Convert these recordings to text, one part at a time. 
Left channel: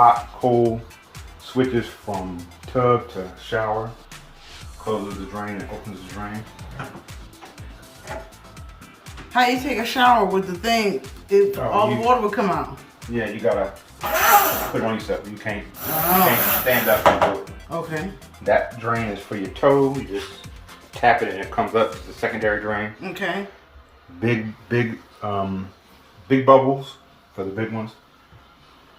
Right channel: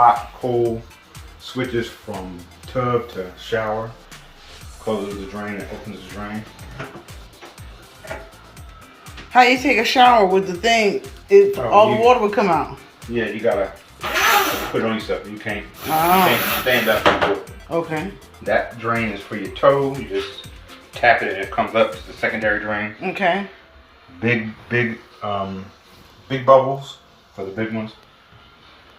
hot, cold switches from tub to shower. Closes the drain and opens the drain. How you take a shower with the thing? All the water would come out. Yeah, you gotta put it on yourself. You can't stand up and do it. Okay. That drain is for your toe. You just tap it and it comes up. It's the secondary drain. Okay. Big bubbles for the big ones.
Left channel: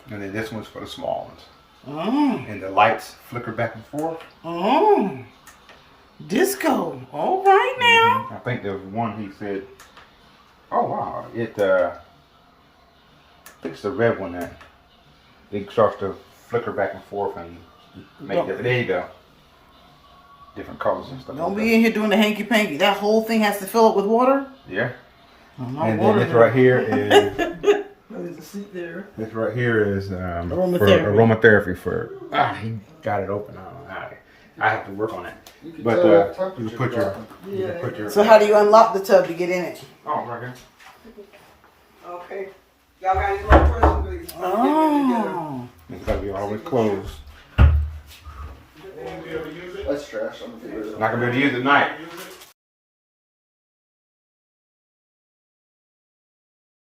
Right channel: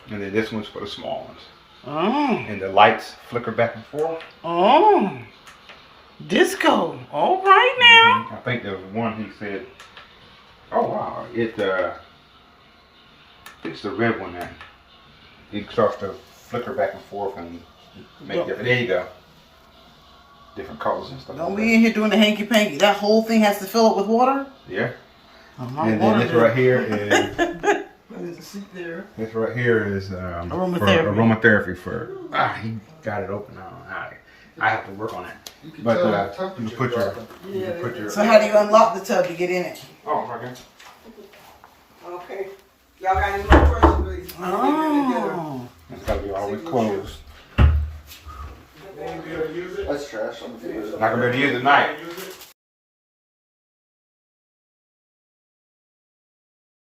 And then this one's for the small ones. Oh. And the lights flicker back and forth. Oh. Disco. All right now. I think there's one he said, oh wow, I think it's the red one that it starts to flicker back and forth and make different. There you go. Different colors and stuff. Don't be in here doing the hanky panky. That whole thing has to fill up with water? Yeah. Oh, my and water then this right here is There's a seat there. this right here is aromatherapy. for he got it open now. I have to work on that. You can But tell you can put your So how do you unlock the tub to get in it? oh right here. Okay. Y'all got any more questions, please? Oh. It's gotta be always closed. That's trash. I'm gonna figure it out. Not gonna be able to use it at night.